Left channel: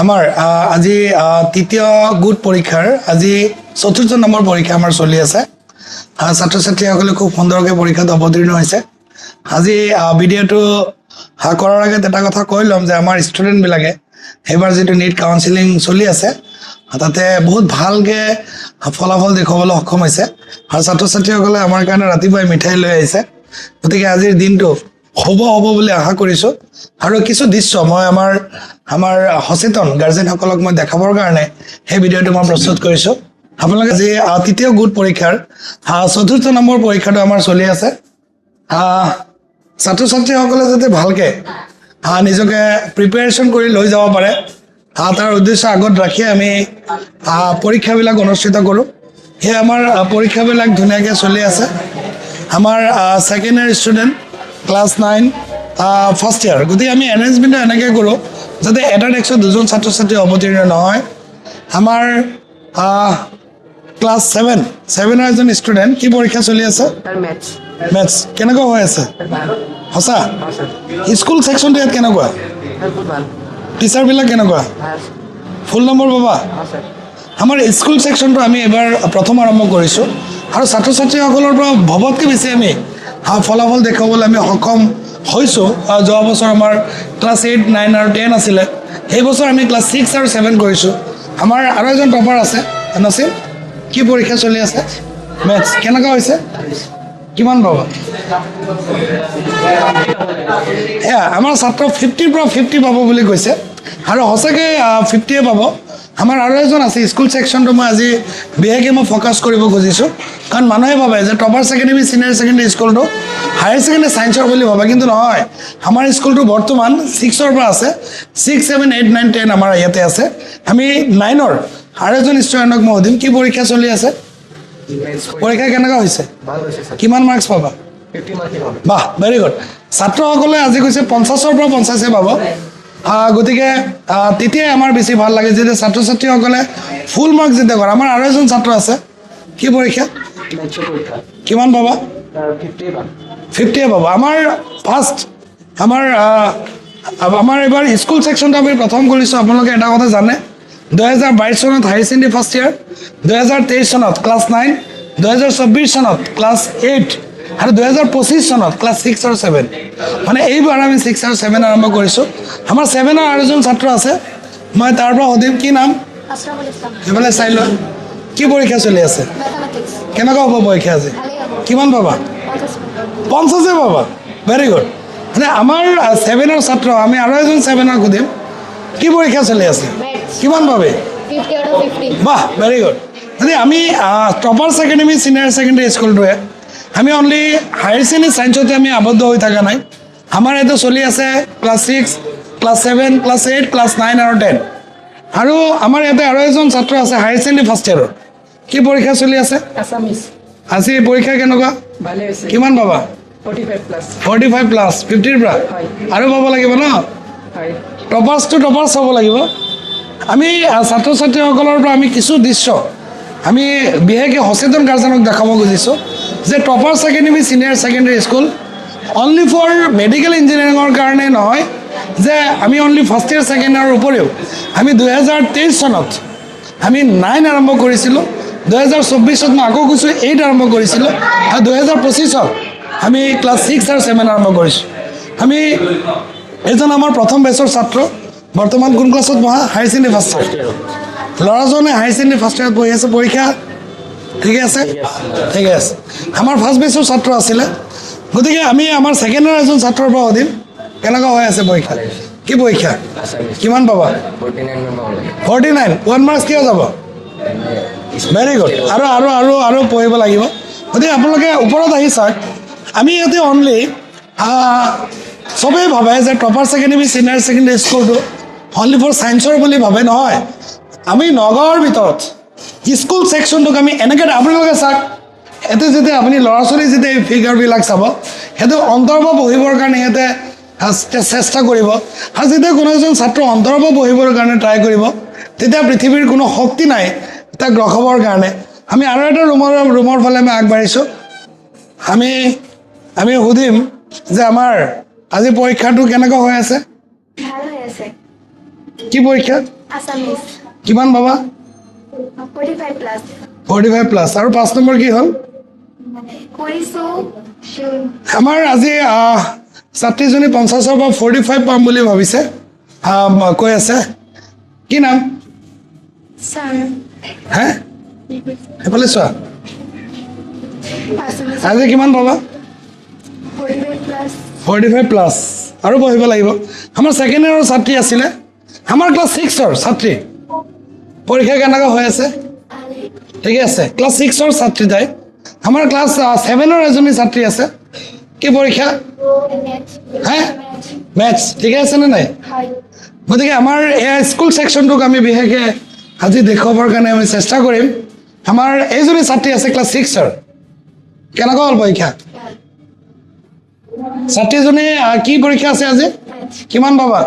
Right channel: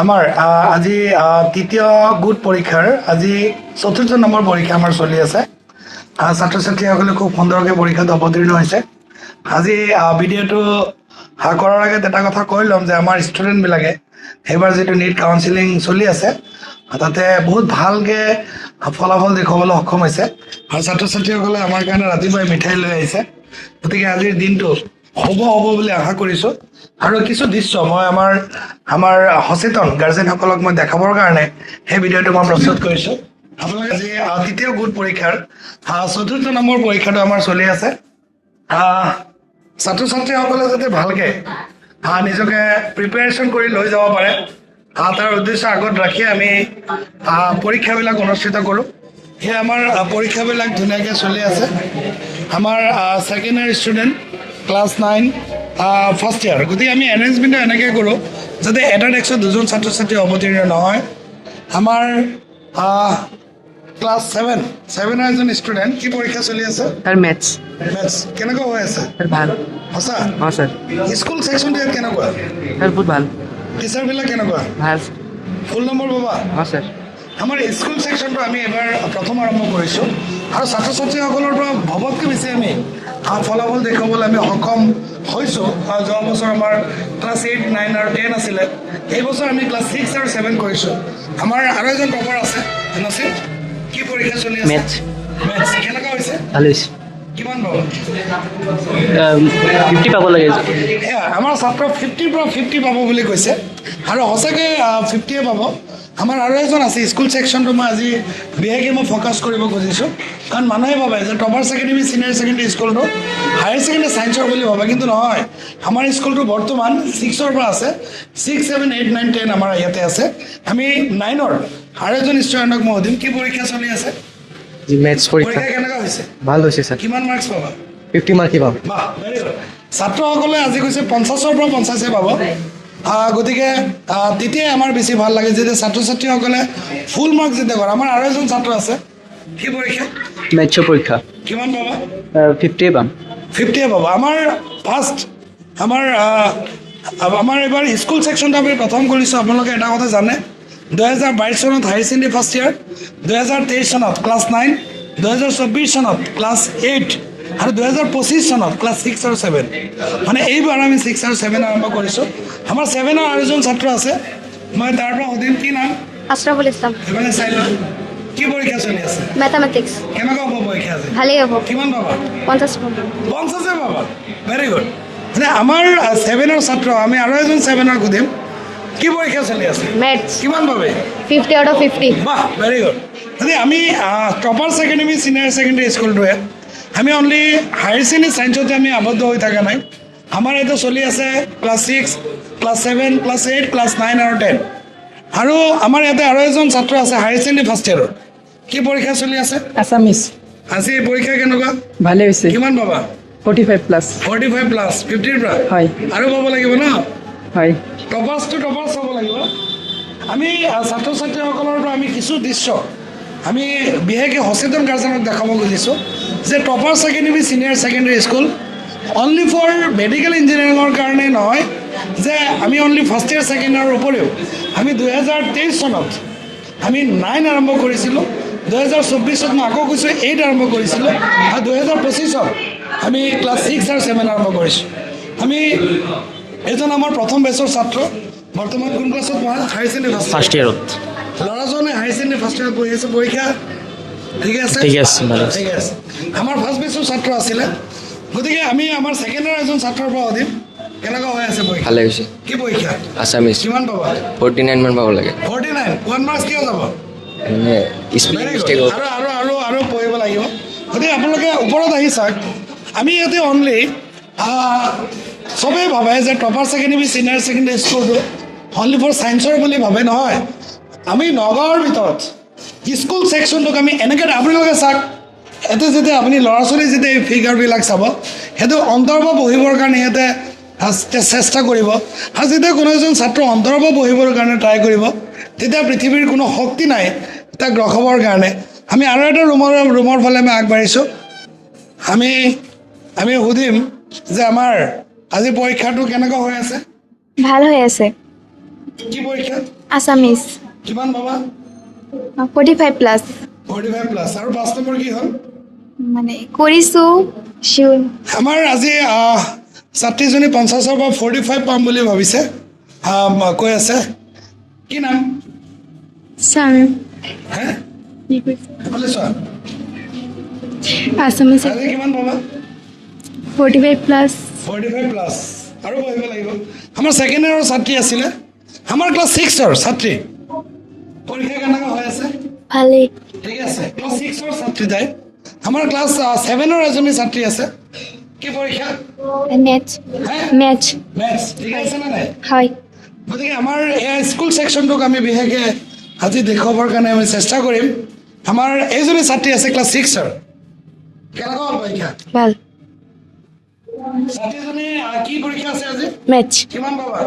আমাৰ আজি তৃতীয় গোট পৰীক্ষাৰ আজি চতুৰ্থ নম্বৰ পৰীক্ষা আমাৰ চলি আছে। ছাত্ৰ ছাত্ৰীসকলে খুব সুন্দৰকৈ পৰীক্ষাত অৱতীৰ্ণ হৈছে। আজি ভিডিঅ'টো কৰাৰ আগত এটা কথা কৈ ল'ম যে আমাৰ ষ্টুডেণ্টবিলাকে এইবাৰ যিটো নীট কাউন্সেলিং চলি আছে তাতে বহুত ভালকৈ ফলাফল দেখুৱাবলৈ সক্ষম হৈছে আৰু ছাত্ৰ ছাত্ৰীসকলে আমাৰ কাৰণে ৰাতিপুৱাই মিঠাই লৈ আহিছে। গতিকে আজিৰ দিনটো হ'ব বুলি আশা কৰিছোঁ আৰু কিছু দৃশ্য মই আমাৰ সচেতন গাৰ্জেনসকলক মই দেখাবৰ কাৰণে সেই ভিডিঅ'টো মই প্ৰস্তুত কৰিছোঁ। আপোনালোকে আজি তৃতীয় গোট পৰীক্ষাৰ চতুৰ্থ নম্বৰ পৰীক্ষাটো আমাৰ চলি আছে। ছাত্ৰ ছাত্ৰীসকলে যাতে ভালকৈ নিজকে প্ৰিপেৰেশ্যন কৰি লৈ যাব পাৰে তাৰ উদ্দেশ্য আগত ৰাখি আমি পৰীক্ষাবিলাক অনুষ্ঠিত কৰোঁ। সেই আমাৰ পৰীক্ষাবিলাক ধুনীয়াকৈ চলি আছে। আমাৰ ছেকেণ্ড ইয়াৰ ষ্টুডেণ্ট ক্লাছ 9 ফাৰ্ষ্ট ইয়াৰ। গতিকে আমি এৰেঞ্জমেণ্টটো এনেকৈ কৰোঁ যাতে এটা ডেস্কত দুজন ছাত্ৰ ছাত্ৰী অৱতীৰ্ণ নহয়। আমাৰ ক্লাছ 7ৰ এজন ষ্টুডেণ্ট কি পৰীক্ষা চলি আছে? মেথছ কেনেকুৱা হৈ আছে? সঁচা? স্কুল ছেকশ্যনটো ইয়াত কেনেকুৱা? টিচাৰবিলাক কেনেকুৱা? ফুল নম্বৰ পাবা? আমাৰ স্কুল ছেকশ্যনটো আমি এইবাৰ প্ৰথম আৰম্ভ কৰিছোঁ আৰু ছাত্ৰ ছাত্ৰীসকলৰ পৰা ভবতকৈ বেছি আমি ফলাফল দেখুৱাবলৈ আমি সক্ষম হৈছোঁ। যোৱা বছৰ আমাৰ ক্লাছ 8, 9 আৰু 10 আছিলে, সেই বছৰ আমি ক্লাছ 6 আৰু 7 কৰিছোঁ। আমাৰ আৰু এজন টপাৰ আছে নচিব, কি পৰীক্ষা চলি আছে? মেথছ কেনেকুৱা হৈছে? কিমান পাবা? 50 পাব লাগে। আমাৰ ছাত্ৰ 50ৰ পৰা 50 পাব বুলি কৈছে আৰু সঁচাকৈ 50 পাব। আমাৰ আৰু এজন আছে স্কুল ছেকশ্যনটো মই আজি বিশেষকৈ মই ফ'কাছ কৰিব খুজিছোঁ, কাৰণ মানুহে ভাবে যে টপাৰ ছেকেণ্ডেৰী ছিনিয়ৰ ছেকেণ্ডেৰী স্কুলটো হায়াৰ ছেকেণ্ডেৰী ছায়েন্সৰ বুলি ভাবে, কিন্তু নহয়। আমাৰ স্কুলটো বৰ্তমান 6ৰ পৰা আছে, 6, 7, 8, 9, 10 আমাৰ ইয়াতে আছে। আমি 9ৰ আৰু এজন ষ্টুডেণ্টক মই সুধিম কি পৰীক্ষা চলি আছে? পৰীক্ষা কেনেকুৱা হৈছে? ভাল হৈছে ছাৰ। কিমান মাৰ্কছ পাবা? 50 মাৰ্কই পাম। বাহ, ভেৰি গুড। ছাত্ৰসকলে আজি কৈছে 50ৰ পৰা 50 পাব। গতিকে তেতিয়াই আমাৰ বেছি ভাল লাগে যেতিয়া ছাত্ৰ ছাত্ৰীসকলে ফুল মাৰ্কছ যেতিয়া কৰে। আমাৰ আৰু এজন ছাত্ৰ আছে, কি পৰীক্ষা? মেথছৰ পৰীক্ষা। কিমান পাবা? 50 পাম। 50 পাবা। আমাৰ ফাৰ্ষ্ট আমাৰ এইবাৰ স্কুল ছেকশ্যনটো আমি প্ৰথম কৰিছোঁ। আপোনালোকে এটা কথা জানে, 2022 চনত হায়াৰ ছেকেণ্ডেৰী ফাৰ্ষ্ট ইয়াৰ, 2023 চনত ক্লাছ 9, 2024 চনত ক্লাছ 8 আৰু 2025 চনত ক্লাছ 6 আৰু 7। মানে এইবাৰ আমি 6 আৰু 7 আৰম্ভ কৰিছোঁ। আমাৰ 7ৰ আৰু এজন ছাত্ৰ আছে, মই তাৰ পৰা সুধিম কি নাম? আশৰাফুল ইছলাম। সেইফালে চাই লওঁ, কি পৰীক্ষা চলি আছে? মেথামেটিক্স। কেনেকুৱা হ'ব পৰীক্ষা আজি? ভালেই হ'ব। কিমান পাবা? 50 50 পাবা। Very good. মানে আমাৰ 7ৰ ছাত্ৰ, আমি আৰু এজন 7ৰ সুধিম কি পৰীক্ষা চলি আছে? মেথছ। কিমান পাবে? 50 out of 50। বাহ, ভেৰি গুড। মানে আমি টপাৰ ছেকেণ্ডেৰী ছিনিয়ৰ ছেকেণ্ডেৰী স্কুলটোৱে আমি অনলি হায়াৰ ছেকেণ্ডেৰী ছায়েন্সতে আমি আবদ্ধ হৈ থকা নাই। আমাৰ ইয়াতে চলি আছে ক্লাছ 6, ক্লাছ 7, ক্লাছ 8, ক্লাছ 9 আৰু 10। আৰু আমাৰ ইয়াতে আৰু এজন ছাত্ৰ আছে হায়াৰ ছেকেণ্ডেৰী ফাৰ্ষ্ট ইয়াৰৰ। কি পৰীক্ষা চলি আছে? আছামিছ। আজি পৰীক্ষা কেনেকুৱা? ভালে হৈছে। কিমান পাবা? 45 প্লাছ। 45 প্লাছ 50ৰ পৰা? হয়। আৰু পাব লাগিব ন? হয়। টপাৰ্ছ চাব লাগিব। আমি ছাত্ৰ ছাত্ৰীসকলৰ পৰা আমি কিছু দৃশ্য আমি বিশেষকৈ সচেতন গাৰ্জেনক দেখাব খুজিছোঁ যে topper secondary senior secondary school only for medical ইঞ্জিনিয়াৰিঙৰ কাৰণে নহয়, যে আমি অনলি ফাৰ্ষ্ট ইয়াৰ ছেকেণ্ড ইয়াৰৰ উপৰিও আমি 2023 চনত আমি 9 আৰম্ভ কৰিছিলোঁ, 2024 মই আকৌ কৈছোঁ 8 আৰম্ভ কৰিছিলোঁ আৰু 2025 আমি ক্লাছ 6 আৰু 7 আৰম্ভ কৰিছোঁ। আমি এইজন আমাৰ প্ৰথম বেচৰ ছাত্ৰ, বৰ্তমান কোন ক্লাছত পঢ়া? হায়াৰ ছেকেণ্ডেৰী ফাৰ্ষ্ট ইয়াৰত। ল'ৰাজনে হায়াৰ ছেকেণ্ডেৰী ফাৰ্ষ্ট ইয়াৰত পঢ়ি আছে। পৰীক্ষা ঠিকে আছে? ঠিকে আছে। আমাৰ ফাৰ্ষ্ট বেচৰ ছাত্ৰ আছিলে। গতিকে আমি আমাৰ ছেকেণ্ড ইয়াৰ এজন ছাত্ৰৰ পৰা সুধিম কেনেকুৱা হৈ আছে পৰীক্ষা? ভালে হৈছে। কি পৰীক্ষা? আছামিছ। কিমান পাবা? 49 মান পাব লাগে। 49। 1 মাৰ্কছ কিয় যাব? Very good. আৰু পঢ়িব লাগিব। গতিকে আপোনালোকে ওপৰত আহি চাওক, আমি ইয়াতে অনলি চবেই ভাবে যে টপাৰ ছেকেণ্ডেৰী ছিনিয়ৰ ছেকেণ্ডেৰী স্কুলটো অনলি ফৰ ছায়েন্সৰ বুলি ভাবে, নহয়। আমি নগাঁৱৰ ভিতৰত স্কুল ছেকশ্যনটোক আমি এনেকৈ আপোনালোকে চাওক, ইয়াতে যেতিয়া আপুনি ল'ৰা ছোৱালী যেতিয়া এই ফিগাৰবিলাক চাব, সেইটো অন্তৰৰ পৰা বহিবৰ কাৰণে সিহঁতে চেষ্টা কৰিব। আৰু যেতিয়া কোনো এজন ছাত্ৰ অন্তৰৰ পৰা বহিবৰ কাৰণে ট্ৰাই কৰিব, তেতিয়া পৃথিৱীৰ কোনো শক্তি নাই তাক ৰখাবৰ কাৰণে। আমি আৰু এটা ৰুমৰ ফালে আমি আগবাঢ়িছোঁ। আমি সুধিম যে আমাৰ আজি পৰীক্ষাটো কেনেকুৱা হৈ আছে? ভাল হৈ আছে। কি পৰীক্ষা আছামিজ কিমান পাবা 45 প্লাছ 45 প্লাছ আৰু 5 নম্বৰ কি হ'ল মানে কৰিছোঁ শিউৰ আমাৰ আজি ছাত্ৰীজনী 50ৰ পৰা 45 পাম বুলি ভাবিছে কৈ আছে কি নাম ছাৰ হে এইফালে চোৱা আছামিজ আজি কিমান পাবা 45 প্লাছ 45 প্লাছ আৰু পঢ়িব লাগিব আমাৰ ছেকেণ্ড ইয়াৰৰ ছাত্ৰী আছিলে আমাৰ ক্লাছ 6ৰ ছাত্ৰী পৰীক্ষা কেনেকুৱা হৈ আছে ভালেই ঠিকে আছে ক্লাছ 6ৰ ছাত্ৰী তাই আমাৰ ক্লাছ 7ৰ এজনী ছাত্ৰী আছে কি পৰীক্ষা মেথ হে মেথ মেথছ ঠিকে আছে নে নাই হয় গতিকে আমাৰ এই স্কুল ছেকশ্যনটোক আমি বিশেষকৈ আজি দেখুৱাবৰ কাৰণে আমি চেষ্টা কৰিম আমাৰ এইজনী ছাত্ৰী আছে ক্লাছ 6ৰ কেনেকুৱা হ'ল পৰীক্ষা ভাল ছাত্ৰীজনী কি পৰীক্ষা আছে আজি মেথ কিমান পাবা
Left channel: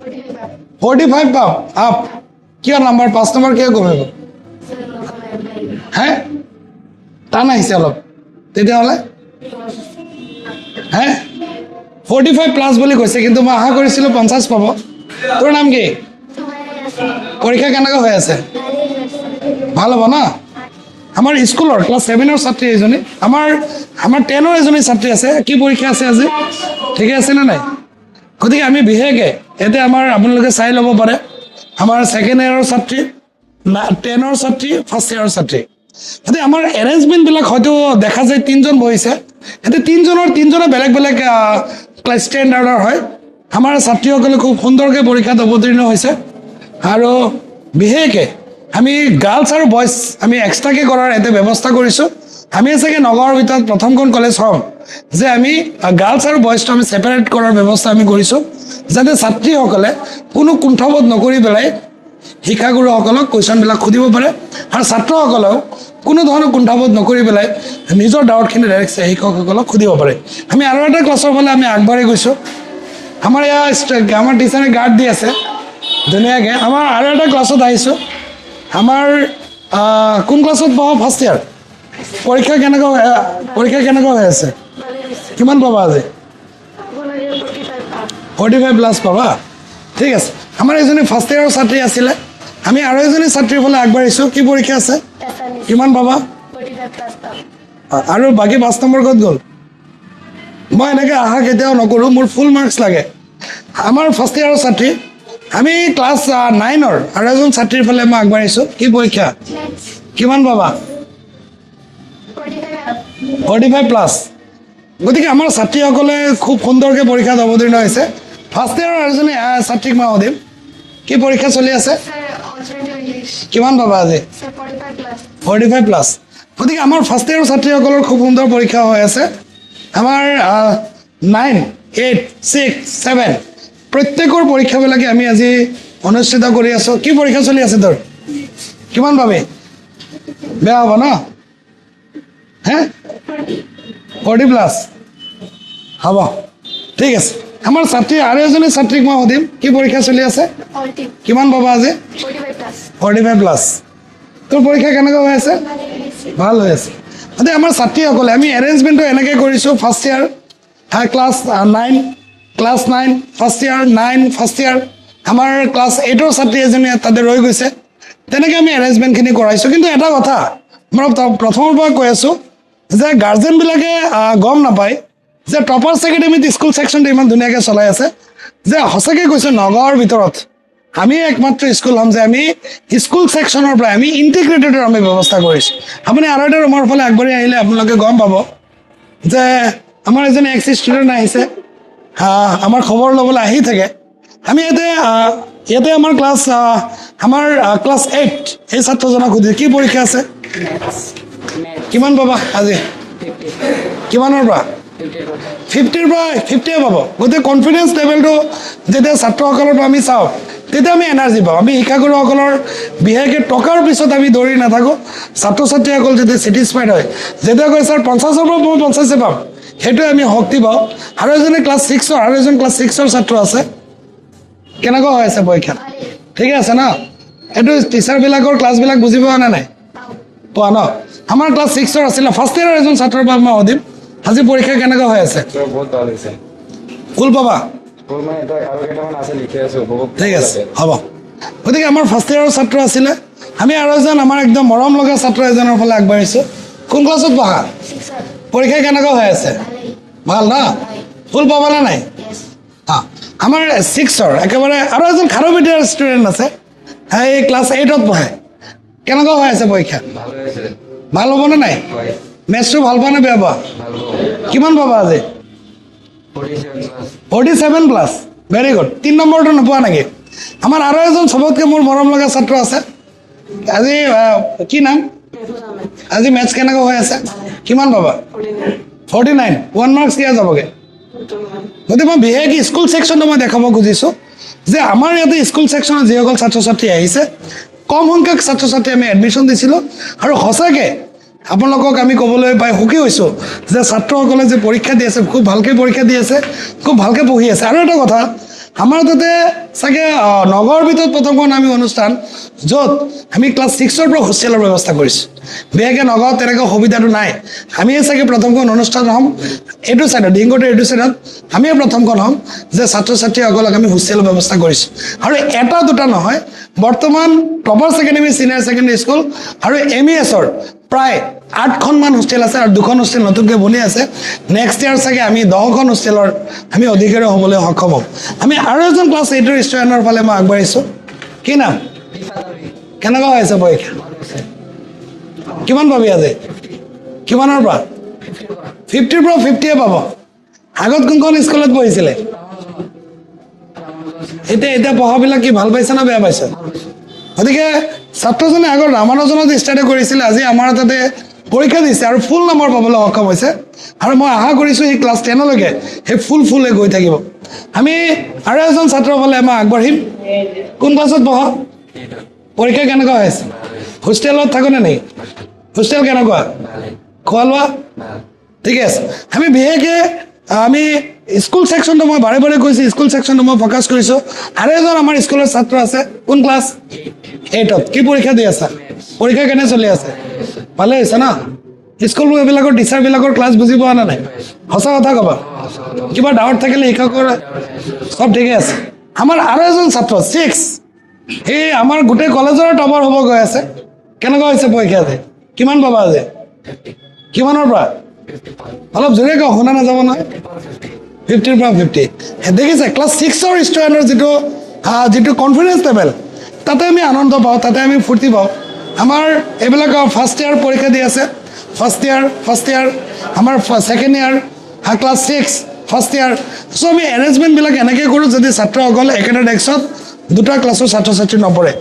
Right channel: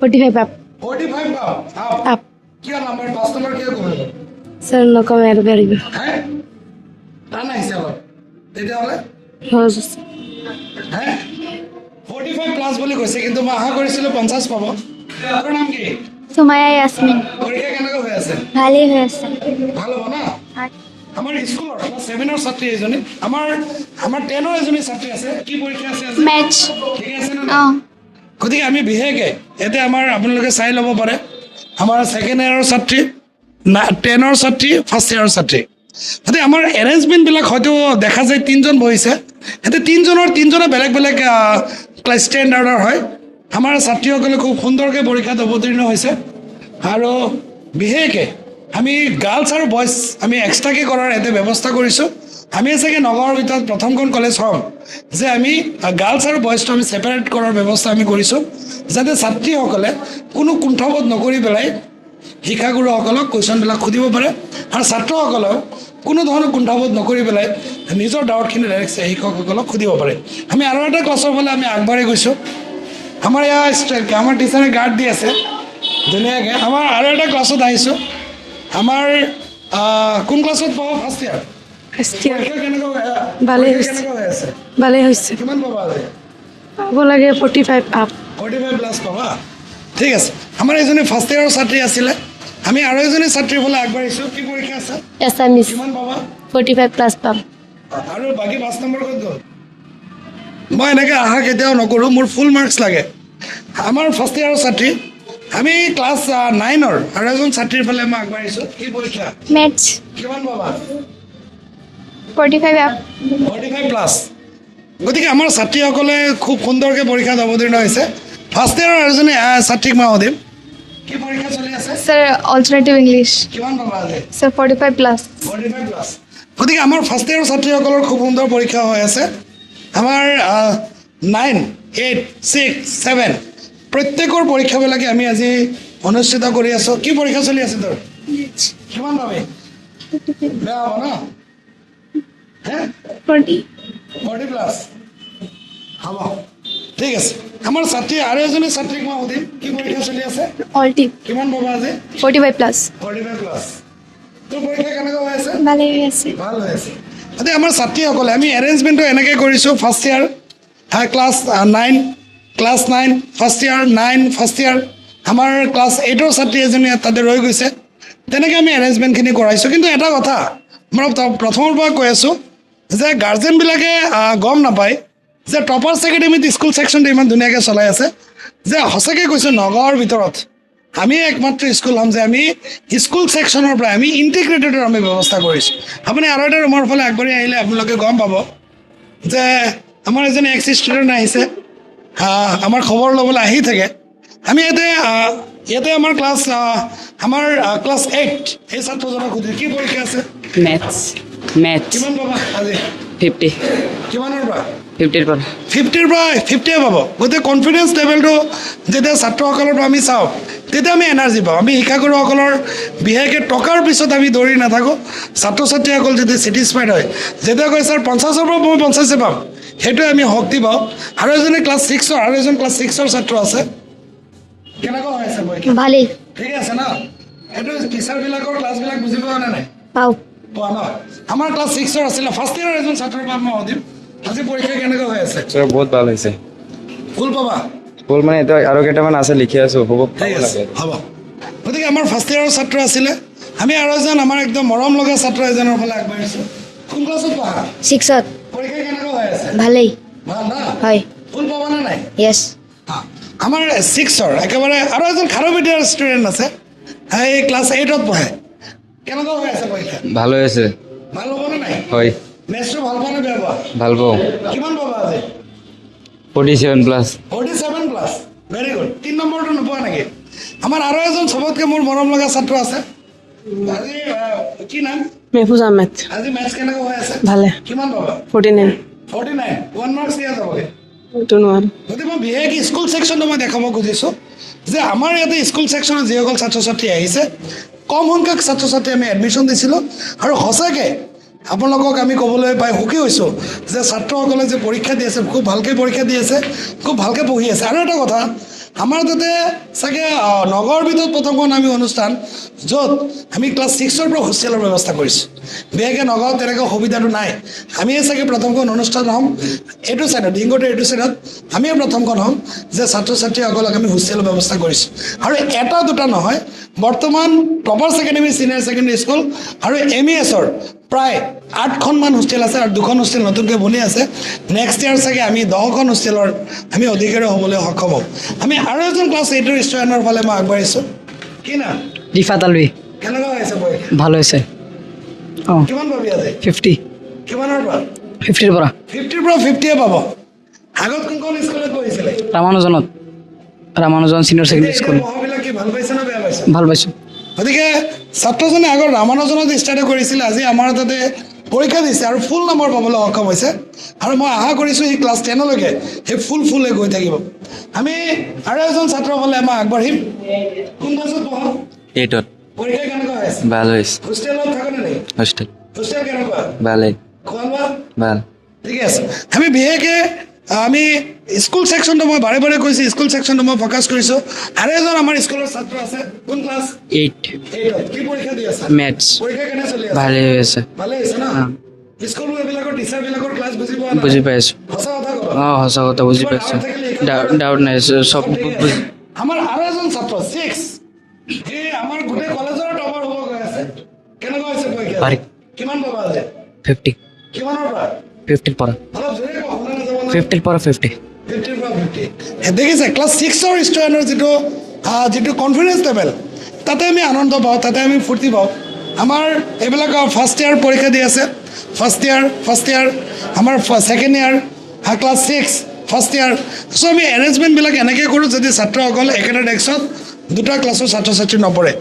45 আপ 45 পাম আপ আপ কিয় নাম্বাৰ 5 নম্বৰ কিয় কমিব ছাৰ নকমে আৰু পাৰিব হে টান আহিছে অলপ তেতিয়াহ'লে হে 45 প্লাছ বুলি কৈছে কিন্তু মই আশা কৰিছিলোঁ 50 পাব তোৰ নাম কি তোমাই আছে পৰীক্ষা কেনেকুৱা হৈ আছে ভালেই হৈ আছে ভাল হ'ব ন আমাৰ স্কুলৰ ক্লাছ 7ৰ ছাত্ৰী এজনী আমাৰ 10ৰ এজনী ছাত্ৰী আছে কি পৰীক্ষা আছে আজি মেথ ঠিকে আছে নে নাই গতিকে আমি বিশেষকৈ এতিয়া আমাৰ আপোনালোকে চাই ল'ব পাৰে আমাৰ ছেকেণ্ড ইয়াৰৰ ছাত্ৰী 10ৰ ছাত্ৰী ফাৰ্ষ্ট ইয়াৰৰ ছাত্ৰী গতিকে আমাৰ এৰেঞ্জমেণ্টবিলাক হয়তো দেখা যায় 3জন বহিছে এতিয়া 3জনে বেলেগ বেলেগ ক্লাছ ষ্টেণ্ডাৰ্ডৰ হয় আমাৰ ছাত্ৰীসকলে খুব সুন্দৰকৈ পৰীক্ষাত অৱতীৰ্ণ হৈছে আৰু বিশেষকৈ আমি গাৰ্লছ আৰু বইজ আমি এক্সট্ৰাকৈ কৰাৰ এটা ব্যৱস্থা কৰিছোঁ আমি চাগে নগাঁৱৰ ভিতৰত প্ৰথমখন কলেজ হ'ম যে আমি গাৰ্লছ আৰু বইজটো আমি ছেপাৰেট কৰাৰ ব্যৱস্থা আমি কৰিছোঁ যাতে ছাত্ৰীসকলে কোনো কুণ্ঠাবোধ নকৰি পেলাই শিক্ষাগুৰুসকলক কুৱেশ্যনবিলাক সুধিব পাৰে আৰু ছাত্ৰসকলেও কোনো ধৰণৰ কুণ্ঠাবোধ নকৰি পেলাই নিজৰ ডাউটখিনি ডাইৰেক্ট শিক্ষকসকলক সুধিব পাৰে আমি আৰু এটা ক্লাছৰ ফালে আমি আগবাঢ়ি গৈছোঁ আমাৰ আমাৰ টিচাৰে গাৰ্ড দি আছে ধুনীয়াকৈ আমাৰ আৰু এটা ক্লাছত আহিছোঁ আমাৰ কোন ক্লাছত পঢ়া ফাৰ্ষ্ট ইয়াৰ পৰীক্ষা কেনেকুৱা হৈ আছে ভালেই হৈছে কিমান পাবা আজি হ'ব লাগে 45 আপ 45 প্লাছ পাবা ঠিক আছে আমাৰ এজনী ফাৰ্ষ্ট ইয়াৰৰ ছাত্ৰী আছিলে আমি আৰু এজনী ছাত্ৰীৰ ফালে আগবাঢ়িছোঁ কি পৰীক্ষা আছে আছামিজ কিমান পাবা 45 প্লাছ পাম আৰু বাকী 5 নম্বৰ ক'ত গ'ল মই এনেকৈ আশা কেতিয়াও নকৰোঁ মোৰ ফুল মাৰ্কছ লাগে আমাৰ ফাৰ্ষ্ট ইয়াৰৰ ছাত্ৰী আমি ক্লাছ 9ৰ আৰু এজন ছাত্ৰীৰ ফালে মই আগবাঢ়িছোঁ কি পৰীক্ষা মেথ কিমান পাবা 45 আপ 45 প্লাছ গতিকে আমাৰ ছাত্ৰীসকলে খুব সুন্দৰকৈ পৰীক্ষাত অৱতীৰ্ণ হৈছে ফাৰ্ষ্ট ইয়াৰৰ এজনী ছাত্ৰীক মই সুধিম কি পৰীক্ষা চলি আছে ছাৰ অল্টাৰনেটিভ ইংলিছ কিমান পাবা আজি ছাৰ 45 প্লাছ 45 প্লাছ গতিকে আমাৰ ফাৰ্ষ্ট ইয়াৰৰ ছাত্ৰীসকলৰ খুব সুন্দৰ পৰীক্ষা হৈ আছে আমাৰ 9, 8, 6, 7 প্ৰত্যেকৰ পৰীক্ষাবিলাকে আমি আজি অনুষ্ঠিত কৰি আছোঁ কি পৰীক্ষা চলি আছে তোৰ কিমান পাবি বেয়া হ'ব ন হে 40 প্লাছ হ'ব ঠিক আছে আমাৰ ছাত্ৰী আৰু এজনী ছাত্ৰীক মই সুধিম কি পৰীক্ষা চলি আছে অল্টিভ কিমান পাবা আজি 45 প্লাছ 45 প্লাছ তোৰ পৰীক্ষা কেনেকুৱা হৈ আছে ভালেই হৈ আছে ভাল হৈ আছে গতিকে আমাৰ ছাত্ৰীসকলে আমি এৰেঞ্জমেণ্টটো এনেকৈ কৰিছোঁ first year class 9 first year 9 first year আমাৰ ক্লাছ 8ৰ ছাত্ৰী এজনী তাতে ৰৈ গৈছে তেনেকৈ আমি এৰেঞ্জমেণ্টখিনি কৰাইছোঁ কিন্তু এটা কথা মই প্ৰথমৰ পৰা কৈ আছোঁ যে গাৰ্জেনবিলাকে গম নাপায় যে টপাৰ্ছ একাডেমীত স্কুল ছেকশ্যনটো ইমান ধুনীয়াকৈ চলাই আছে যে সঁচাকৈ কৈছোঁ নগাঁৱৰ ভিতৰত আমি একমাত্ৰ স্কুল হ'ম যে আমি স্কুল ছেকশ্যনৰ পৰা আমি ইণ্টিগ্ৰেটেডৰ আমি ব্যৱস্থা কৰিছোঁ আপুনি আৰু এটা ৰুমৰ ফালে আগবাঢ়ি আহিলে আপোনালোকে গম পাব যে আমাৰ এজনী এক্স ষ্টুডেণ্ট আহিছে আমাৰ খবৰ ল'বলৈ আহি থাকে আমি ইয়াতে আমাৰ ক্লাছ 8 এই ছাত্ৰজনক সুধিছোঁ কি পৰীক্ষা আছে মেথ কিমান পাবা আজি 50 কিমানৰ পৰা 50 পৰা 50ৰ পৰা 50 পাব গতিকে কনফিডেঞ্চ লেভেলটো যেতিয়া ছাত্ৰসকলৰ পৰা আমি চাওঁ তেতিয়া আমি এনাৰ্জি পাওঁ আমি শিক্ষাগুৰুসকলৰ বিশেষকৈ টকাৰ পিছত আমি দৌৰি নাথাকোঁ ছাত্ৰ ছাত্ৰীসকল যেতিয়া ছেটিছফাইড হয় যেতিয়া কয় ছাৰ 50ৰ পৰা মই 50 পাম সেইটোৱে আমি শক্তি পাওঁ আৰু এজনী ক্লাছ 6ৰ আৰু এজন ক্লাছ 6ৰ ছাত্ৰ আছে কেনেকুৱা হৈ আছে পৰীক্ষা ভালেই ঠিকে আছে ন এইটো টিচাৰবিলাকৰ ক্লাছবিলাক বুজি পোৱা নে নাই পাওঁ পোৱা ন আমাৰ ক্লাছ 6ৰ আছিলে ফাৰ্ষ্ট ইয়াৰৰ এজন ছাত্ৰৰ পৰা মই সুধিম আজি পৰীক্ষা কেনেকুৱা হৈ আছে বহুত ভাল হৈছে ফুল পাবা ফুল মানে এতিয়া আৰু কেইটামান আছে লিখি আছো উপভোগ ঠিক আছে হ'ব গতিকে আমাৰ ফাৰ্ষ্ট ইয়াৰৰ ছাত্ৰ আছিলে আমি আৰু এজন আমাৰ একদম মৰম লগা ছাত্ৰ এজনৰ ফালে আগবাঢ়িছোঁ কোন ক্লাছত পঢ়া 6ত পৰীক্ষা কেনেকুৱা হৈ আছে ভালেই ভাল না হয় ফুল পাবনে নাই য়েছ আমাৰ 6ৰ একেবাৰে আৰু এজন খাৰুপেটীয়াৰ ষ্টুডেণ্ট আছে এই ক্লাছ 8ত পঢ়ে কেনেকুৱা হৈ আছে পৰীক্ষা ভাল হৈ আছে ভাল হ'বনে নাই হয় মেথছটো ভাল পোৱা নে বেয়া পোৱা ভাল পাওঁ কিমান পাবা আজি 47 প্লাছ 47 প্লাছ ভেৰি গুড 3 নম্বৰটো নোপোৱা নেকি আমাৰ আৰু এজন চবতকৈ মোৰ মৰম লগা ছাত্ৰ আছে আজি কি নাম মেহফুজ আহমেদ আজি মেথছ কেনেকুৱা হৈ আছে ভালে কিমান পাবা 49 49 1 মাৰ্কছ দিয়া যাবগৈ এইটো নোৱাৰো গতিকে মই বিশেষকৈ স্কুল ছেকশ্যনটো মই দেখাব খুজিছোঁ যে আমাৰ ইয়াতে স্কুল ছেকশ্যনত যিসকল ছাত্ৰ ছাত্ৰী আহিছে কম সংখ্যক ছাত্ৰ ছাত্ৰী আমি এডমিশ্যন দিছিলোঁ আৰু সঁচাকৈ আপোনালোকক আমি ক'বলৈ পাই সুখী হৈছোঁ যে ছাত্ৰসকলে যে পৰীক্ষা দি আছে খুব ভালকৈ পৰীক্ষা দি আছে খুব ভালকৈ পঢ়ি আছে আৰু এটা কথা আমাৰ তাতে চাগে নগৰৰ ভিতৰত প্ৰথমখন আমি অনুষ্ঠান য'ত আমি ক্লাছ 6ৰ পৰা হোষ্টেলৰ ব্যৱস্থা কৰিছোঁ বিশেষকৈ নগাঁৱত তেনেকৈ সুবিধাটো নাই আমিয়ে চাগে প্ৰথমখন অনুষ্ঠান হ'ম এইটো ছাইডত ডিংগটোৰ এইটো ছাইডত আমিয়ে প্ৰথমখন হ'ম যে ছাত্ৰ ছাত্ৰীসকলক আমি হোষ্টেলৰ ব্যৱস্থা কৰিছোঁ আৰু এটা দুটা নহয় বৰ্তমান টপাৰ্ছ একাডেমী ছিনিয়ৰ ছেকেণ্ডেৰী স্কুল আৰু MESৰ প্ৰায় 8খনমান হোষ্টেল আছে আৰু 2খন হোষ্টেল নতুনকৈ বনি আছে নেক্সট ইয়াৰ চাগে আমি 10খন হোষ্টেলৰ আমি অধিকাৰী হ'বলৈ সক্ষম হ'ম আমি আৰু এজন ক্লাছ 8ৰ ষ্টুডেণ্টৰ ফালে মই আগবাঢ়িছোঁ কি নাম ৰিফাত আলভি কেনেকুৱা হৈছে পৰীক্ষা ভাল হৈছে কিমান পাবি আজি 50 কিমানৰ পৰা 50ৰ পৰা 50ৰ পৰা 50 পাব আগত কোনখন স্কুলত পঢ়িছিলে ৰামানুজন চিনিয়ৰ এতিয়া ছেকেণ্ডেৰী এতিয়া পঢ়াবিলাক কি ভাল পাইছে না বেয়া পাইছে ভাল পাইছোঁ গতিকে ছাত্ৰজনে আগত ৰামানুজনত ষ্টাৰ্ট কৰিছিলে আজি আমাৰ তাতে পৰীক্ষা দিছে আৰু ফুল নম্বৰ পাবলৈ সক্ষম হৈছে আৰু মই আশা কৰিছোঁ এই ক্লাছ 10লৈকে সেই ফুলে গৈ থাকিব আমি আৰু এজন ছাত্ৰৰ ফালে মই আগবাঢ়িম কোন ক্লাছত পঢ়া 8ত পৰীক্ষা কেনেকুৱা হৈছে ভাল হৈছে হোষ্টেলত থাকোনে নেকি হোষ্টেল হোষ্টেল কেনেকুৱা ভালেই খোৱা লোৱা ভাল ঠিকে আছে আমি বিশেষকৈ আমি স্কুল ছেকশ্যনটো মই বাৰে বাৰে কৈছোঁ স্কুল ছেকশ্যনটো মই ফ'কাছ কৰিছোঁ আৰু এজন আমাৰ স্কুলৰ ছাত্ৰ আছে কোন ক্লাছ 8ত কি পৰীক্ষা দি আছে মেথছ পৰীক্ষা কেনে চলি আছে ভালে হৈ আছে ভালে হৈছে না স্কুল এইবিলাকৰ টিচাৰবিলাকৰ ক্লাছ বুজি পোৱা নাই বুজি পাইছোঁ সঁচা কথা ক'বা সঁচা কথা বুজি কিবা ডাউট থাকিলে শিক্ষকৰ ডাউট নাই চব ঠিকে আছে আমাৰ আৰু এজন ছাত্ৰ 6 এই আমাৰ গোটেই কলেজৰ টপাৰ হ'ব গৈ আছে কেনেকুৱা হৈছে পৰীক্ষা কিমান পাবা আজি 50 কিমানৰ পৰা 50 পৰা অলপ জোৰে কওঁ শুনা নাযাব না 50 পৰা 50 50ৰ পৰা 50 দেখিছে ক্লাছ 6ৰ ষ্টুডেণ্টৰ যিটো কনফিডেঞ্চ লেভেল তাতে আমি আনন্দ পাওঁ তাতে আমি ফূৰ্তি পাওঁ আমাৰ এইবিলাক ফাৰ্ষ্ট ইয়াৰ পৰীক্ষা দি আছে ফাৰ্ষ্ট ইয়াৰ আমাৰ second year class 6 first year চ' আমি এৰেঞ্জমেণ্টবিলাক এনেকৈ কৰোঁ যদি ছাত্ৰসকল একেটা ডেস্কত দুটা ক্লাছৰ ছাত্ৰ ছাত্ৰী নপৰে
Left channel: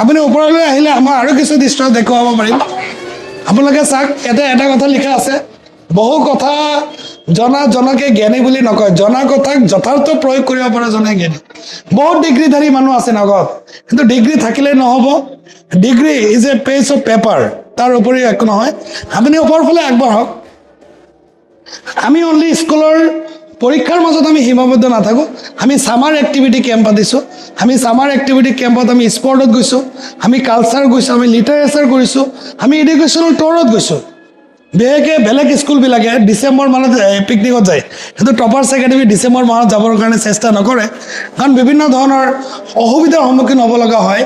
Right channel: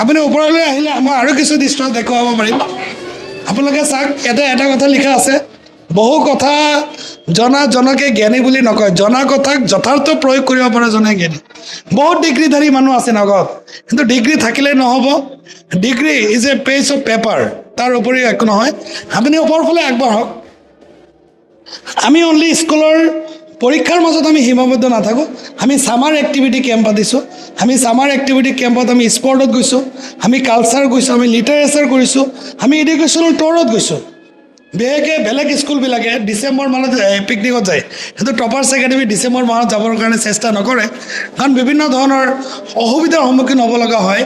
আপুনি ওপৰলৈ আহিলে আমাৰ আৰু কিছু দৃশ্য দেখুৱাব পাৰিম আপোনালোকে চাওক ইয়াতে এটা কথা লিখা আছে বহু কথা জনকে জ্ঞানী বুলি নকয় জনা কথাক যথাৰ্থ প্ৰয়োগ কৰিব পৰা জনে জ্ঞানী বহুত ডিগ্ৰীধাৰী মানুহ আছে নগত কিন্তু ডিগ্ৰী থাকিলেই নহ'ব degree is a page of paper তাৰ উপৰিও একো নহয় আপুনি ওপৰৰ ফালে আগবাঢ়ক আমি অনলি স্কুলৰ পৰীক্ষাৰ মাজত আমি সীমাবদ্ধ নাথাকোঁ আমি ছামাৰ এক্টিভিটি কেম্প পাতিছোঁ আমি ছামাৰ এক্টিভিটি কেম্পত আমি স্পৰ্টত গৈছোঁ আমি কালচাৰ গৈছোঁ আমি লিটাৰেচাৰ কৰিছোঁ আমি এডুকেশ্যনেল টুৰত গৈছোঁ বিশেষকৈ বেলেগ স্কুলবিলাকে ডিচেম্বৰ মাহত পিকনিকত যায় কিন্তু টপাৰ্ছ একাডেমী ডিচেম্বৰ মাহত যাবৰ কাৰণে চেষ্টা নকৰে কাৰণ বিভিন্ন ধৰণৰ অসুবিধাৰ সন্মুখীন হ'ব লগা হয়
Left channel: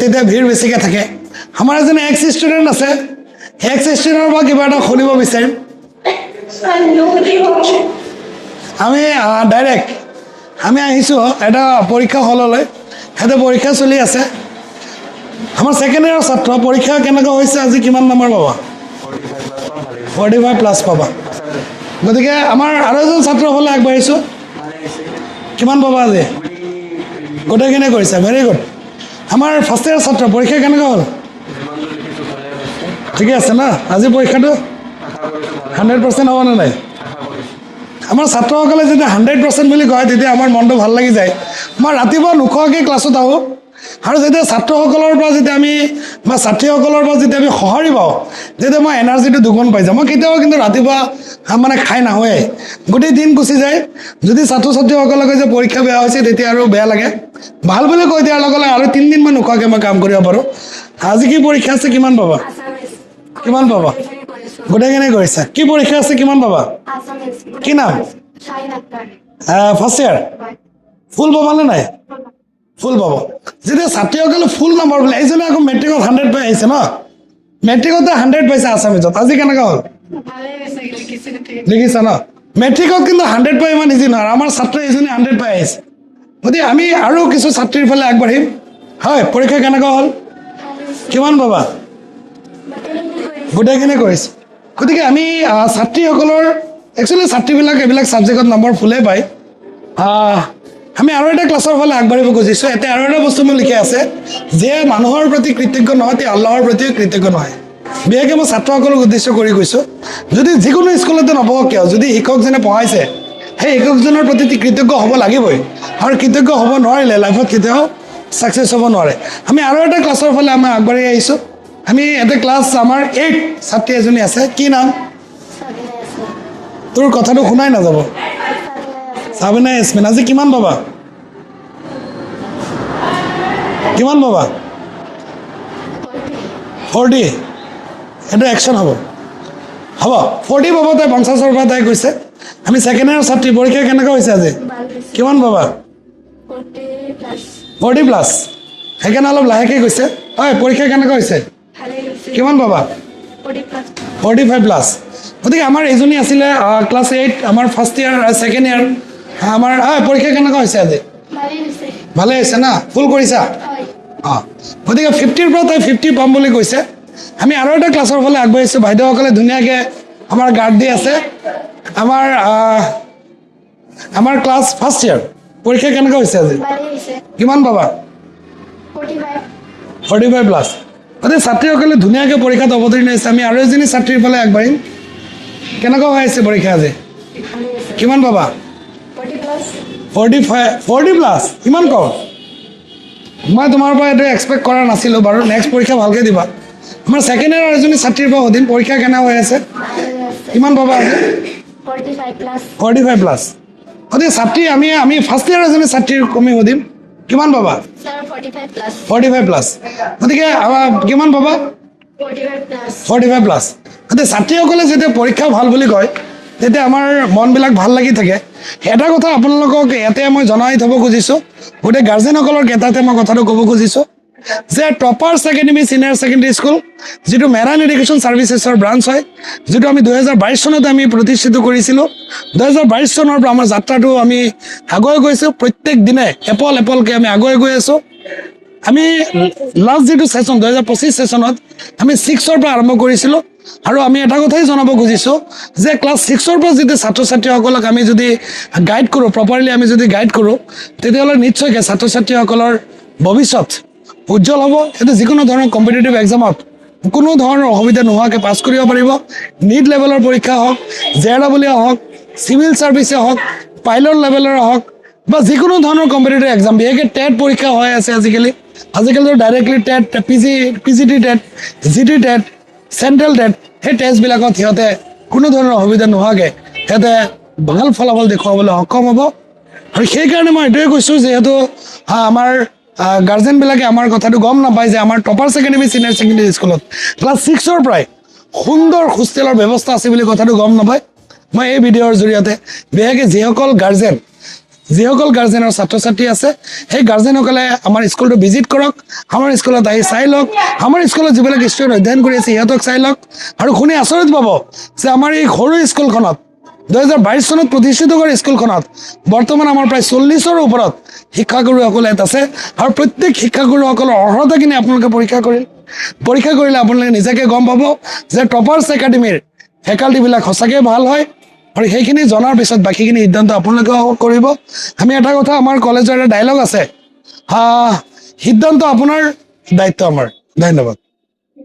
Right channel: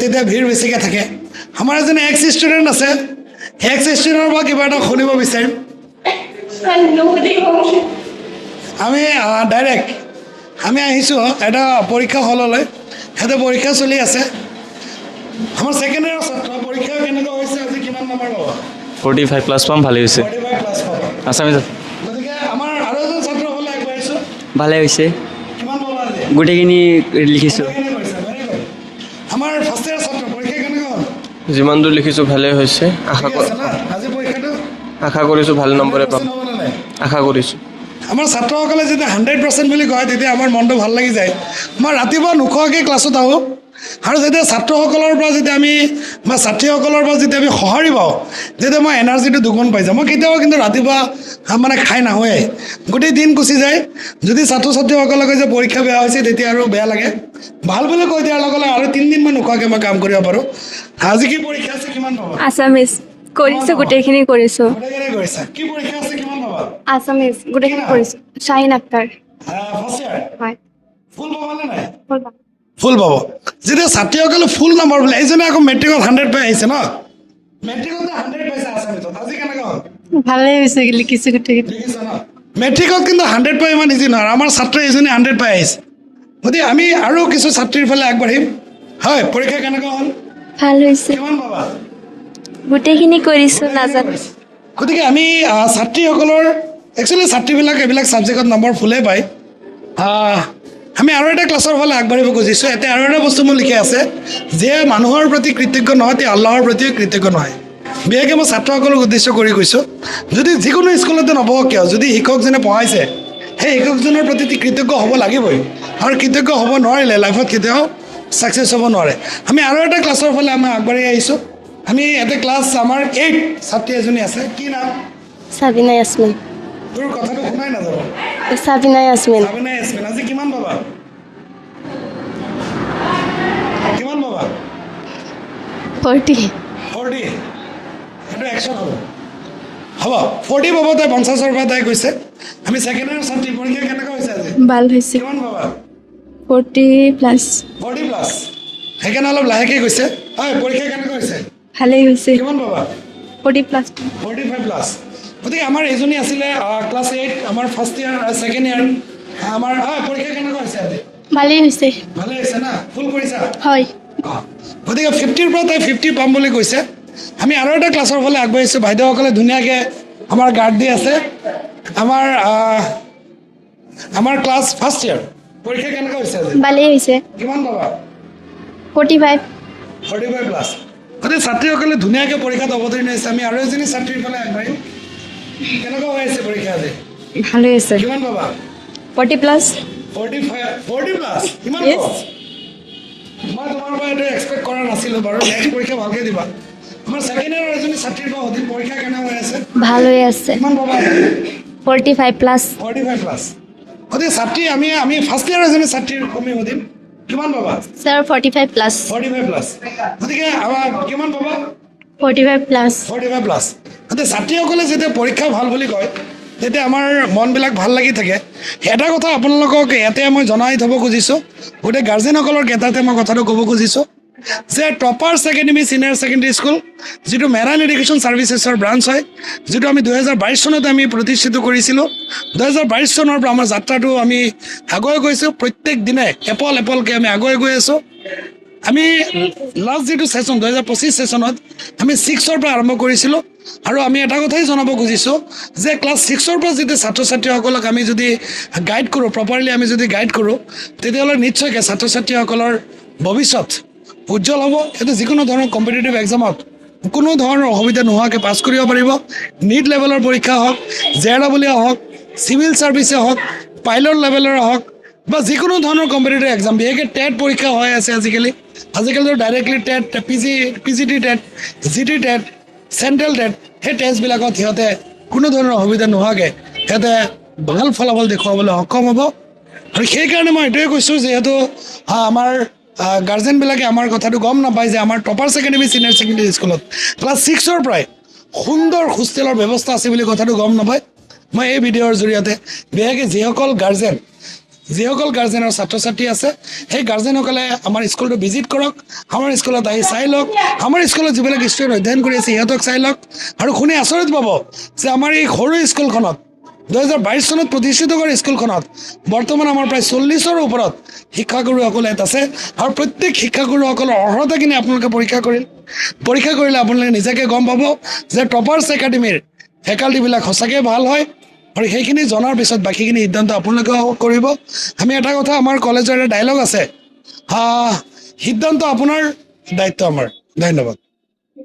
তেতিয়া ভিৰ বেছিকৈ থাকে আমাৰ এজন এক্স ষ্টুডেণ্ট আছে এক্স ষ্টুডেণ্টৰ পৰা কিবা এটা শুনিব বিচাৰিম আমি ডাইৰেক্ট আমি আহিছোঁ এটা পৰীক্ষা হললৈ সিহঁতে পৰীক্ষা চলি আছে আমাৰ ছেকেণ্ড ইয়াৰৰ ছাত্ৰ পৰীক্ষা কেনেকুৱা হৈছে আজি কিমান নম্বৰ পাবা 45 প্লাছ পাম ভালেই হৈছে 45 প্লাছ পাবা আছামিজ গতিকে আমাৰ আৰু এজন ছাত্ৰৰ ফালে আগবাঢ়িছোঁ ভালে হৈছে কিমান পাবা আজি গোটেইখিনি লিখিছোঁ গোটেইখিনি কৰিছে ভেৰি গুড আমাৰ ফাৰ্ষ্ট ইয়াৰ ছাত্ৰ পৰীক্ষা কেনেকুৱা হ'ল যিমান দূৰ লিখিছোঁ ভালেই হৈছে ঠিকে আছে না আজি পৰীক্ষাটো আশা কৰিছোঁ ভাল 100% হ'বনে নাই আশা কৰিছোঁ আমাৰ ছাত্ৰসকলে যেতিয়া 100% বুলি কয় তেতিয়া আমাৰ মনটো ভাল লাগি যায় মই ৰাতিপুৱা নোখোৱাকৈ ক্লাছত আহোঁ আৰু যেতিয়া ছাত্ৰসকলৰ পৰা যেতিয়া আমি বা ছাত্ৰীসকলৰ পৰা যেতিয়া আমি সঁহাৰি পাওঁ তেতিয়া মই এনাৰ্জিটো দুগুণ পাই যাওঁ মই কেতিয়াও কিন্তু ৰাতিপুৱা মানে খাই নাহোঁৱেই গোটেই দিন গুচি যায় যদি ছাত্ৰ ছাত্ৰীসকলে কয় যে পৰীক্ষা বেয়া হৈছে তেতিয়া আৰু বেয়া লাগে ভাল বুলি কৈ দিয়াৰ লগে লগে আৰু 3 দিনমান নোখোৱাকৈ মই কাম কৰিব পাৰোঁ আজি কি পৰীক্ষা আছে কিমান পাবা আছামিজ কিমান কৰিছোঁ পাবা? গোটেইখিনি কৰিছোঁ গোটেইখিনি কৰিছা কি পৰীক্ষা আছে কিমান পাবা আছামিজ কি নাম? গোটেইখিনি কৰিছোঁ শ্বাহিন আখতাৰ ফাৰ্ষ্ট ইয়াৰ হয় ফুল পাবানে নাই ফুল পাম ফুল পাব যেতিয়া ছাত্ৰীসকলে ফুল নম্বৰ বোলে এইজনে আকৌ মেট্ৰিকত 100 পাই আহিছে ন মেট্ৰিকতে 100 পাইছে আছামিজত আজি কেনেকুৱা হ'ল ভালেই হৈছে লিখিছোঁ গোটেই দেখিছা ন মেট্ৰিকত কিন্তু 100 পাই ইমান ইজি নহয় আমাৰ ছাত্ৰ এজনী 100 পাই আহিছে গতিকে আমি আৰু কিছু ছাত্ৰীৰ ফালে আগবাঢ়িম হয় পৰীক্ষা কেনেকুৱা হ'ল ভাল হৈছে কিমান পাবা গোটেইখিনি কৰিছোঁ গোটেইখিনি কৰিছে গতিকে আমি ছাত্ৰীসকলৰ একচুৱেলি ছাত্ৰীবিলাক এইবিলাক ছাবজেক্টত নম্বৰ ফুলেই পায় আমি আৰু এটা ক্লাছৰ ফালে আগবাঢ়িব খুজিছোঁ এতিয়া আৰু এটা বস্তু মোৰ লিখি আছে যে মানুহৰ প্ৰতি কৃতজ্ঞ নহয় তেওঁ আল্লাহৰ প্ৰতিও কৃতজ্ঞ নহয় বিশেষকৈ মই ছাত্ৰসকলক উদ্দেশ্য কৰি কৈছোঁ যদি যিকোনো স্কুলতে নপঢ়ক কিয় যদি শিক্ষকজনে পঢ়াইছে সেই শিক্ষকজনৰ প্ৰতি কৃতজ্ঞ হ'ব লাগিবই আৰু কৃতজ্ঞ হ'ব নোৱাৰিলে লাইফত কেতিয়াও ছাকচেছ হ'ব নোৱাৰে আমি আৰু এটা ক্লাছৰ ফালে আমি আগবাঢ়ি আহিছোঁ আমি এটা ক্লাছ আমাৰ 8 ছাত্ৰী এজনী আছে কি নাম সাবিনা ইয়াসমিন তোৰ কথাটো শুনাই নাযাব সাবিনা ইয়াসমিন সাবিনা ইয়াসমিন আজি কিমান পাবা কিমান পাবা 40 40 এটা একশ্যন হ'ব 40 পাব তাই 50ৰ পৰা তাই কৈছে আমি ছেকেণ্ড ইয়াৰ ছাত্ৰী পৰীক্ষা কেনেকুৱা হৈছে আজি ভাল হৈছে কিমান পাবা 40 প্লাছ 40 প্লাছ সেইকাৰণে অলপ লাহেকৈ কৈছে হয় পৰীক্ষা কেনেকুৱা হৈছে ভালেই হৈছে কিমান পাবা 40 প্লাছ 45 প্লাছ গতিকে আমাৰ এজনী আছিলে ক্লাছ 8 আমাৰ ফাৰ্ষ্ট ইয়াৰ ছেকেণ্ড ইয়াৰ আমাৰ পৰীক্ষা কেনেকুৱা হৈছে আজি ভালেই হৈছে ভালে হৈছে না ফুল কৰিছা হয় গতিকে 50ৰ পৰা তাই 50 পাম বুলি কৈছে আমি আৰু এটা ক্লাছৰ ফালে আগবাঢ়িছোঁ বাইদেউসকলে ধুনীয়াকৈ আমাৰ গাৰ্ড দি আছে আমাৰ ক্লাছ ফাৰ্ষ্ট ইয়াৰ পৰীক্ষা কেনেকুৱা হৈছে আজি ভালেই হৈছে কিমান পাবা 45 প্লাছ গতিকে ছাত্ৰীসকলে ধুনীয়াকৈ পৰীক্ষাত অৱতীৰ্ণ হৈছে আমি আৰু এজনী ছাত্ৰীৰ ফালে আগবাঢ়িম কেনেকুৱা হৈ আছে পৰীক্ষা আজি ভালেই হৈছে কিমান পাবা 40 প্লাছ 40 প্লাছ ইমান কম মই তোমাৰ পৰা এইটো এক্সপেক্ট কৰা নাছিলোঁ বাৰু নেক্সট পৰীক্ষা ভালকৈ দিবা আমাৰ ছেকেণ্ড ইয়াৰ এজনী ছাত্ৰীৰ পৰা সুধিম পৰীক্ষা কেনে হৈ আছে ভাল হৈ আছে কিমান পাবা 45 প্লাছ 45 প্লাছ গতিকে ছাত্ৰী আমি ফাৰ্ষ্ট ইয়াৰ এজনী ছাত্ৰীৰ কমি সুধিম কিমান পাবা স্যাৰ 45 প্লাছ 45 প্লাছ গতিকে কিমান পাবা 45 প্লাছ 45 প্লাছ গতিকে ছাত্ৰীসকলে যেতিয়া পৰীক্ষা ভাল বুলি কয় তেতিয়া আমাৰ মনবিলাক ভাল লাগি থাকে এটা কথা আপোনালোকক ইয়াতে মই জনাই থ'ব খুজিছোঁ গোটেই গাৰ্জেনসকলৰ ক্ষেত্ৰতে মই কথাটো ক'ব খুজিছোঁ যে টপাৰ্ছ একাডেমি ছিনিয়ৰ ছেকেণ্ডেৰী স্কুল যিটো মেৰাইন এডুকেশ্যন ছাৰ্ভিচেছৰ ব্ৰাঞ্চ হয় যিটো আমি 2022 চনত আমি প্ৰতিষ্ঠিত কৰিছিলোঁ 2022 চনৰ পৰা আমাৰ যাত্ৰাটো আমি আগুৱাই গৈছোঁ প্ৰত্যেক দিনে এপলকৈ আমি আগুৱাই গৈ আছোঁ আমি লাষ্ট যিটো ছেশ্যন 2025 ছেশ্যনত আমি 6ৰ পৰা আৰম্ভ কৰিছিলোঁ আৰু আমি এটা কথাই জনাব খুজিছোঁ যে ক্লাছ 6ৰ পৰা যদি ছাত্ৰ ছাত্ৰীসকলক আমি যদি গাইড কৰোঁ প্ৰপাৰলি আমি যদি গাইড কৰোঁ তেতিয়াহ'লে নিশ্চয়কৈ ছাত্ৰ ছাত্ৰীসকলৰ ভৱিষ্যত উজ্জ্বল হ'ব এইটো যিকোনো ধৰণৰ কম্পিটিটিভ এক্সামত কোনো ধৰণৰ অসুবিধা নোহোৱাকৈ পাছ কৰিব পাৰিব নীট লেভেলৰ পৰীক্ষা হওক JEE হওক চিভিল ছাৰ্ভিচে হওক পাইলট লেভেলৰ হওক বা যিকোনো ধৰণৰ কম্পিটিটিভ এক্সাম বিশেষকৈ টেট পৰীক্ষা হৈ আছে আজিকালিতো directly TET PGT TET GT TET central TET সেই টেষ্টবিলাকত সিহঁতে কোনো ধৰণৰ অসুবিধা নোহোৱাকৈ সিহঁতে ভাল ফলাফল দেখুৱাবলৈ সক্ষম হ'ব আৰু সেইকাৰণে মই এইটোৱে কৈছোঁ যিহেতু আমাৰ গাৰ্জেনবিলাকে আমাৰ কথাটো গম নাপায় যে আমাৰ টপাৰ্ছ একাডেমি ছিনিয়ৰ ছেকেণ্ডেৰী স্কুলত ক্লাছ 6ৰ পৰাই সুন্দৰ হোষ্টেলৰ ব্যৱস্থা আছে বুলি কথাটো গম নাপায় মই এই ভিডিঅ'ৰ জৰিয়তে বিশেষকৈ যিসকল গাৰ্জেনৰ ছাত্ৰ ছাত্ৰী আছে সেই গাৰ্জেনসকলে আমাৰ স্কুলটো ভিজিট কৰক আমাৰ স্কুলত আহি চাই লওক আমাৰ স্কুলত যিবিলাক ষ্টুডেণ্ট অধ্যয়ন কৰি আছে সিহঁতক চাই লওক আৰু শুনি আচৰিত পাব যে আমাৰ এই সৰু স্কুলখনত 2022 চনত প্ৰতিষ্ঠিত কৰা স্কুলখনত বৰ্তমান আমাৰ প্ৰায় 40ৰ ওপৰত শিক্ষাগুৰুসকল ইয়াত আছে আৰু প্ৰত্যেক শিক্ষাগুৰুসকলৰ অৰ্হতাখিনি আপোনালোকে পৰীক্ষা কৰিলে আপোনালোকে নিজাকৈ গম পাব যে টপাৰ্ছ একাডেমীৰ ফেকাল্টিবিলাক সঁচাকৈ ভাল হয় আৰু সেইখিনি জনাৰ পিছত বাকীখিনি সিদ্ধান্ত আপোনালোকেও কৰিব আমি এটা কথা আমাৰ কলেজৰ এটা ডাইলগ আছে সিদ্ধান্ত আপোনাৰ দায়িত্ব আমাৰ ধন্যবাদ